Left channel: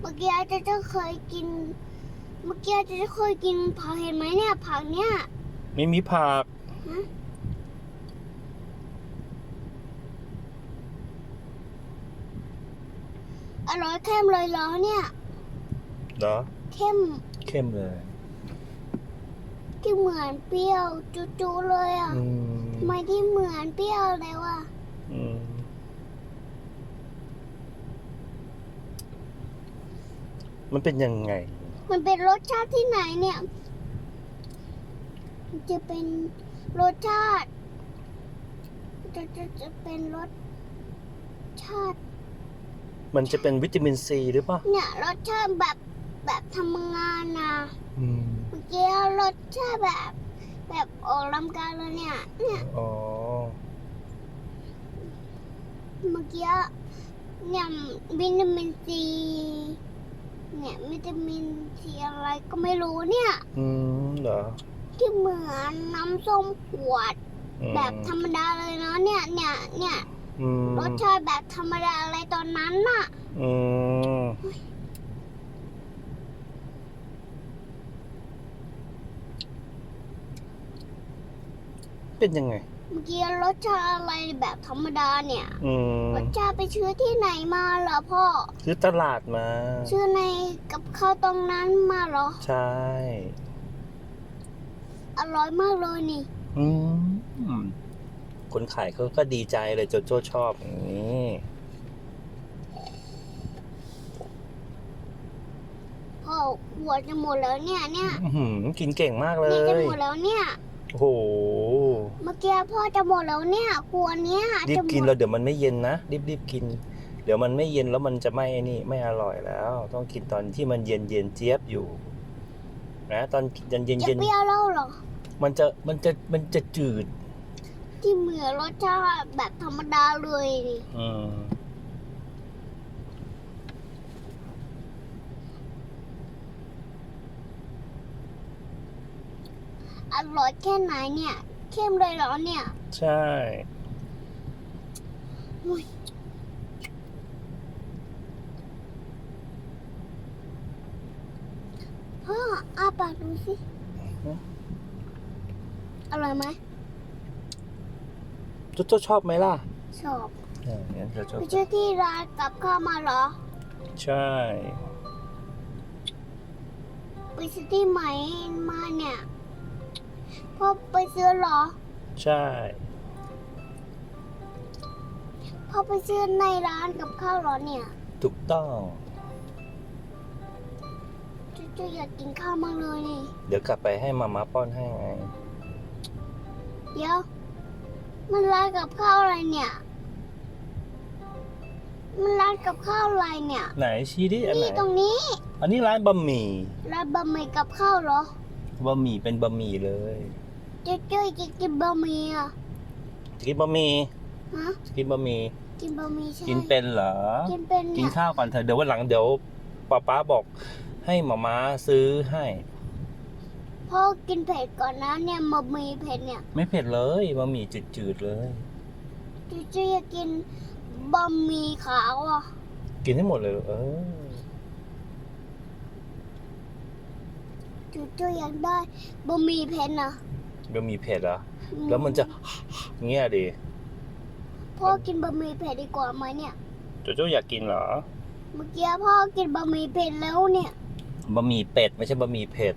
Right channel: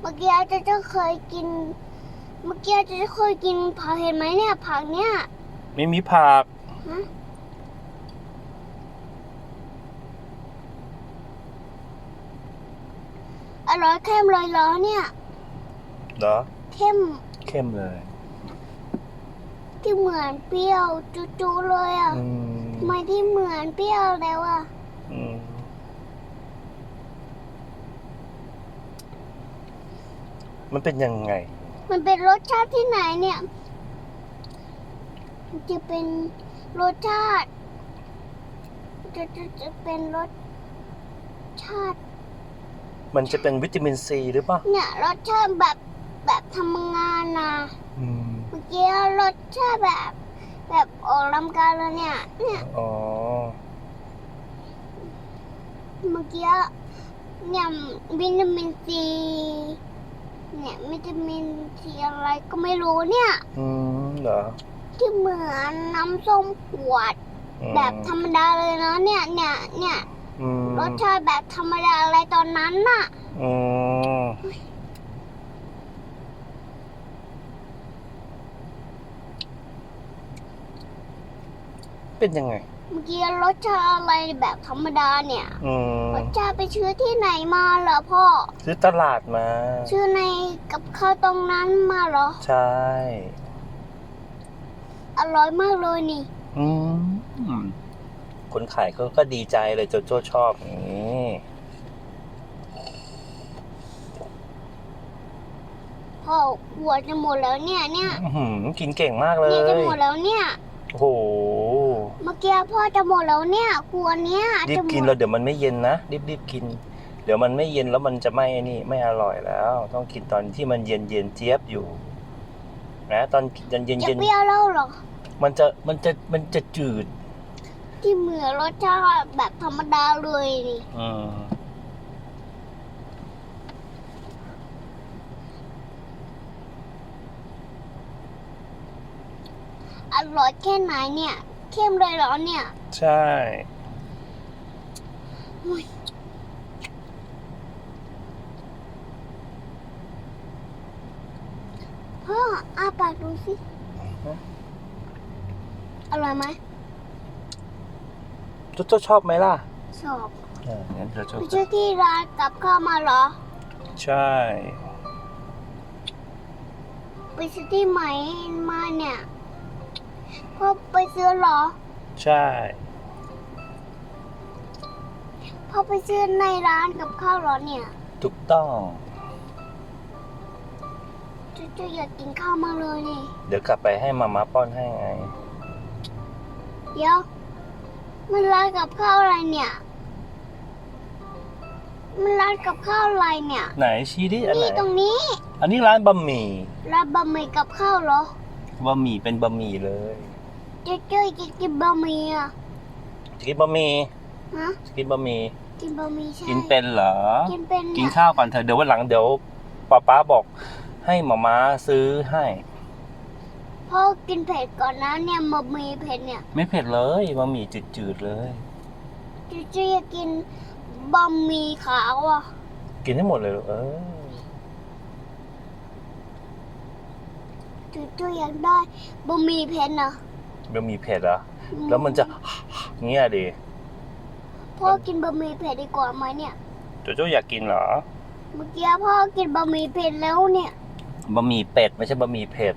เมื่อกี้อาจจะจะเคยกิน เมื่อกี้อาจจะจะเคยกินผักเห็นไหมเนี่ย ผักเนี่ยไม่มีผักฮะอร่อยเข้มเลยเหรอเนี่ยเหรอเข้มเข้มเลยที่เหมือนเปรี้ยวจุๆเลยอะอืม ทำไมที่เหมือนเปรี้ยวแล้วอะ อืม มันเป็นยังไง มันเป็นรสชาติที่ไหนเนี่ย มันจะเป็นรสชาติ จะจะจะเป็นรสชาติ มันจะเป็นวิตามินซีหรือเปล่าเนี่ยรสชาติแบบแบบทำงานนะอืมเมื่อกี้รสชาติแบบ แบบออกลำการเลยเนี่ย เนี่ย อ๋อ เมื่อกี้เนี่ยวิตามินซี เนี่ยวิตามินซีอะไรก็ไม่รู้เนี่ย อืมเหรอที่เหมือนน้ำส้มขวด อืมแบบธรรมดาเลยเนาะเนี่ยเนี่ยเนี่ยอืมรสชาติแบบธรรมดาอะไรตอนนั้นน่ะ อืมเป็นยังไง เมื่อกี้รสชาติอะไรแบบธรรมดาเนี่ยอืมรสชาติไปชื่อที่ไหนมาเหรอพ่อ ซื้อตลาดมา ชื่อในกับข้าวตรงนั้นมาเหรอ ใช่ อร่อยมากเลยนี่ อืมคนขายเขาก็ดีใจเลยโจโจ้ชอบอย่างนี้พ่อหัวจะหมดแล้วเนี่ยเนี่ยอื้อหือกินเก่งมากเลเนี่ยจะย หมดแล้วเนี่ย โอ้โห เมื่อกี้พ่อจะหมดแล้วเนี่ยกลัวเนี่ยรีจะบหมกินดแล้วเดี๋ยวมันไม่เย็นนะรีบรีบกิน เดี๋ยวมันไม่เย็นแล้วมันจะไม่ไอ้นี่ไม่อร่อยแล้ว ต้องกินตอนที่มันเย็นเย็นเจี๊ยบอยู่ นะ ตอนเย็นเย็นจะเย็นเปรี้ยวแล้วเหรอมันจะมันจะมันจะจืด ที่เหมือนรสชาติแบบธรรมดาเลยนี่อืมอร่อยแค่ไหนเนี่ย เข้มเลยเหรอเนี่ย ใช่พ่ออาปากดูสิอร่อยไหมโจโจ้ชอบไหมล่ะ ชอบเอองั้นโจโจ้ไปชื่อที่ร้านกับข้าวมาเหรอ ใช่ ไปซื้อที่ไหนมาเนี่ย พ่อไปซื้อเหรอ ใช่ พ่อไปซื้อในร้านกับข้าวเหรอเนี่ยถูกต้อง จุ๊ๆอยากกินข้าวมากเลยนี่ เดี๋ยวกลับไปให้มาม่าป้อนให้ไง เดี๋ยว มันร้านกับข้าวอะไรเนี่ย มันร้านกับข้าวอะไรเนี่ย ไหนชี้ดิอันไหน นี่ตรงนี้อันนี้ร้านบะหมี่ ร้านบะหมี่กับข้าวเหรอ บะหมี่เป็นบะหมี่เลย จุ๊ๆอยากกินบะหมี่อะจะกินบะหมี่ฮะจะกินบะหมี่กินบะหมี่ใช่กินเป็นเหรอ กินเป็นกินเนี่ยข้าวก่อนเถอะเดี๋ยววันหลังเดี๋ยวป๊าป๊าบอก ให้หมาม้าซื้อให้พ่อกินเผ็ดก่อนนะเนี่ยบะหมี่เผ็ดเนี่ย ไม่เผ็ดเลยบะหมี่จืดๆเลยจุ๊ๆอยากกินบะหมี่ขาวอะ กินให้หมดเลยลูกเออจุ๊ๆอยากได้บะหมี่เผ็ดนะ บะหมี่เผ็ดเหรอแล้วมันจะเงี้ยดิพ่อกินบะหมี่เผ็ดดีกว่าไหมเนี่ยโจโจ้อยากกินเหรอ เมื่อกี้พ่อกินบะหมี่เผ็ดแล้วเนี่ยบะหมี่เป็ดไม่ใช่บะหมี่เผ็ด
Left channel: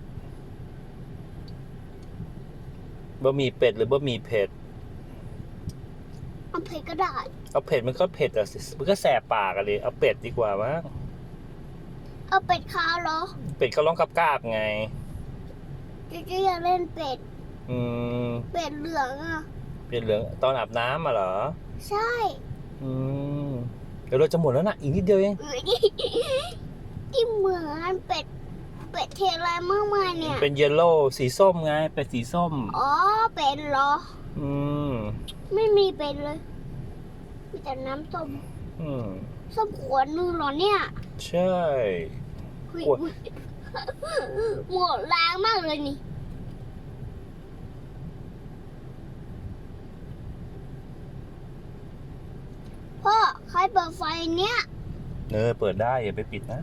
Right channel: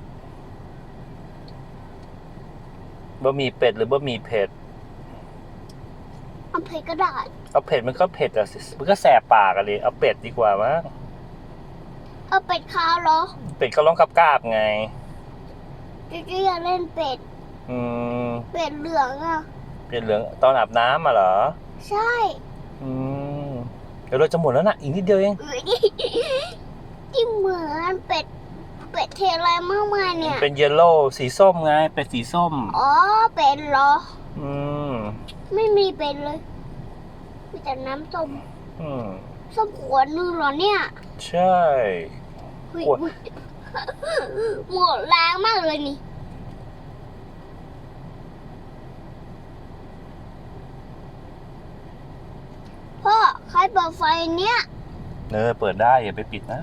บะหมี่เป็ดหรือบะหมี่เผ็ดเอาเผ็ดก็ได้เอาเผ็ดมันก็เผ็ดอะสิมันก็แสบปากอะดิเอาเป็ดดีกว่ามั้งเอาเป็ดขาวเหรอ เป็ดก็ร้องกับกาบๆไงจุ๊ๆอยากเล่นเป็ด อืมเป็ดเหลืองอะ เป็ดเหลืองตอนอาบน้ำมาเหรอ ใช่อืมเดี๋ยวเราจะหมดแล้วนะอีกนิดเดียวเองเอ้ยที่เหมือนเป็ดเป็ดเทอะไรมากมายเนี่ย เป็นเยลโล่สีส้มไง เป็ดสีส้ม อ๋อ เป็ดเหรอ อืม ไม่มีเป็ดเลย มีแต่น้ำส้มอืมส้มขวดนึงเหรอเนี่ย ใช่เฮ้ยโอ้ยหมดแรงมากเลยนี่ ให้เปิดไฟเนี้ยเออเปิดได้อย่าไปปิดนะ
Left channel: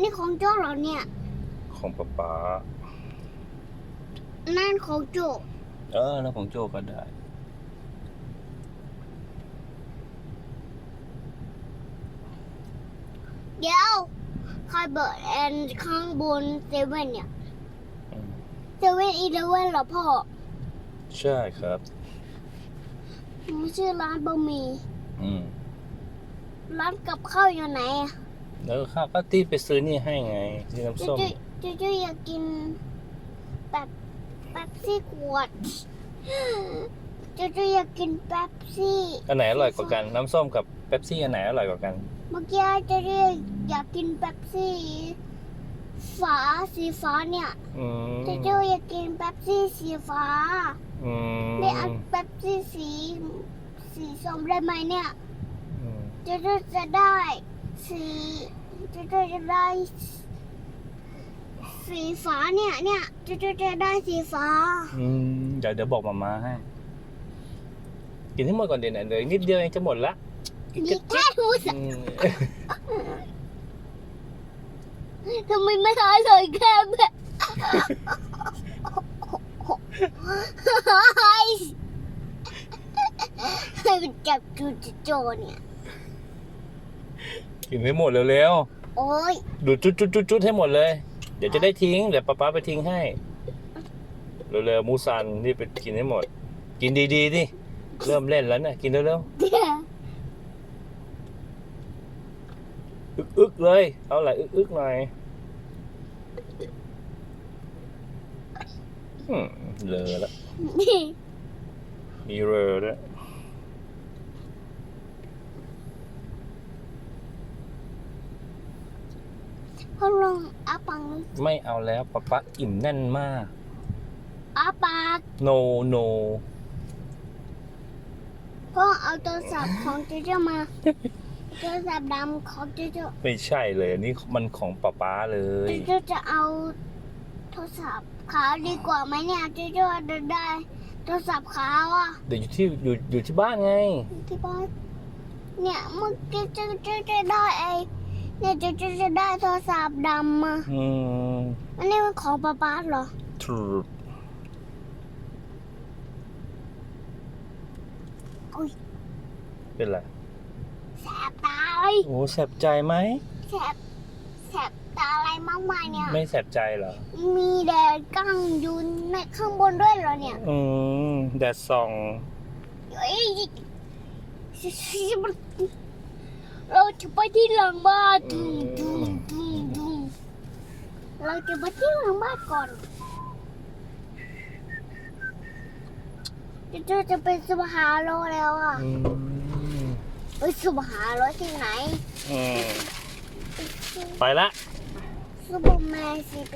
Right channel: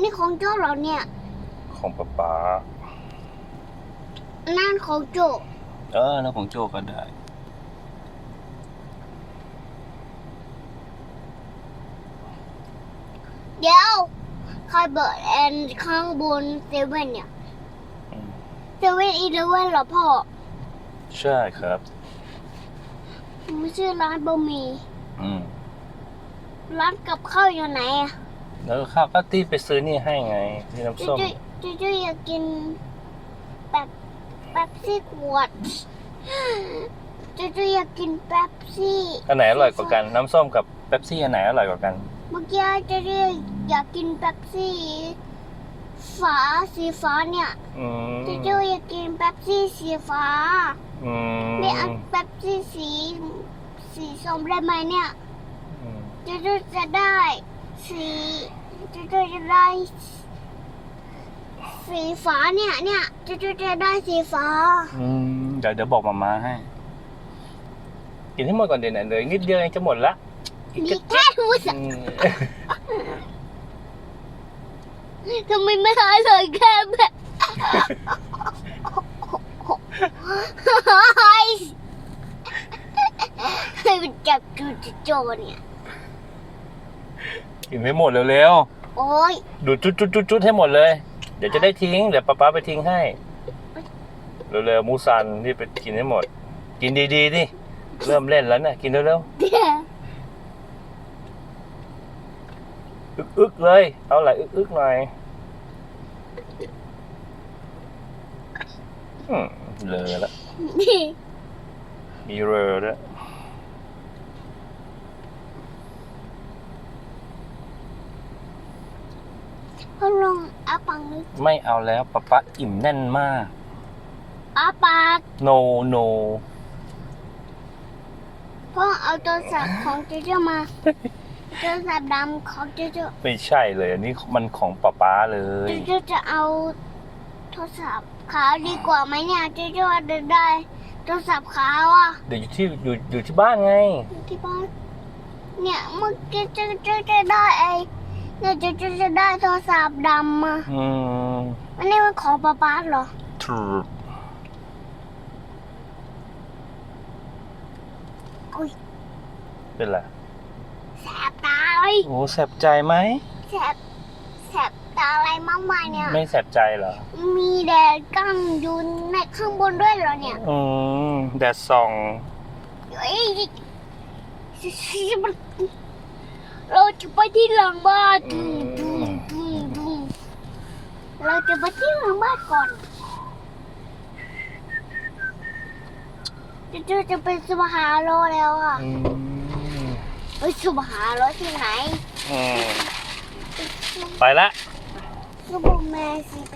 นี่ของโจ้เหรอเนี่ย ของป๊าป๊านั่นของโจเออนั่นของโจก็ได้ เดี๋ยว ใครเบิร์ดแอนข้างบนเซเว่นเนี่ยอืมเซเว่นอีเลเว่นเหรอพ่อ ใช่ครับไม่ใช่ร้านบะหมี่อืมร้านกับข้าวอยู่ไหนอะแล้วข้าวก็ที่ไปซื้อนี่ให้ไงที่น้ำจุส้มจุจุจุอยากกินแบบแป๊บซี่ขวดจุจุอยากกินแป๊บซี่อันไหนอร่อยกว่ากัน น้ำส้มกับเป๊ปซี่อันไหนอร่อยกว่ากัน เมื่อกี้จุจุอยากกินแป๊บซี่ฝาสีฟ้าเนี่ยอืมจุจุอยากกินแป๊บซี่สีฟ้า อืมไม่เอาแป๊บซี่สีสีส้มได้ไหมเนี่ยอืมจุจุจะได้สีจุจุจะได้สีฟ้าเนี่ยเนี่ยจุจุจะได้สีฟ้า อืมเดี๋ยวเดี๋ยวบอกมาม่าให้ กินให้หมดก่อนเดี๋ยวนะเหลยนิดเดียวเองจะหมดละอีก มีกระแค่ทูสอืมทำไมไม่หายเลยแค่แบบไอ้มันจับจูจโจเนี่ย กินให้หมดเร็วโอ้ยๆดูดจุดจุดจุดจุดให้หมดเลย เดี๋ยวจะได้ทิ้ง เดี๋ยวป๊าป๊าไปทิ้งให้ เร็วๆมูซันรีบไปกินให้หมด กินดีๆดิเริ่มเล่นแล้วนะกินเร็วเดี๋ยวๆอึกเลย เอาอะไรอึกๆหน่อยอืมเลอแล้วมีเรอด้วยพ่อลงอาปังนี้ไม่เอาแล้วป๊าป๊าอิ่มแน่นมาก อาปาก no no พ่อเอาโทรศัพท์ของจูจูมา ทรศัพท์ดำของจูจูไม่ใช่เลย อันนี้มันของป๊าป๊าเลย จูจูจะเอาโทรศัพท์ขาวดีกว่าไหมเนี่ยจูจูว่าจะได้โทรศัพท์ขาวอะเดี๋ยวอยู่ที่อยู่อยู่ที่บ้านไง ที่บ้านเนี่ยเมื่อกี้จูจูจะได้ไอ้เนี่ยจูจูจะได้โทรศัพท์ดำมาอืมอันนี้มันของป๊าป๊าเหรอถูกอุ้ยเป็นไร แสบตาเลยโอ้แสบใจไหมแสบแสบตาอะไรมากมายเนี่ย ไม่แสบใจเหรอ มีแดดกั้งอยู่ในข้างบนด้วยเหรอเนี่ย อืมแดดส่องเฮ้ยเราจะไปที่หลังบ้านดุมดุมดุมดุมเราจะไปที่หลังบ้านก่อนจะจะไปสุบฮาโลแล้วอะอืม เฮ้ยสุบฮาโลที่ไหนอืมไปละซูเปอร์แมนสิไป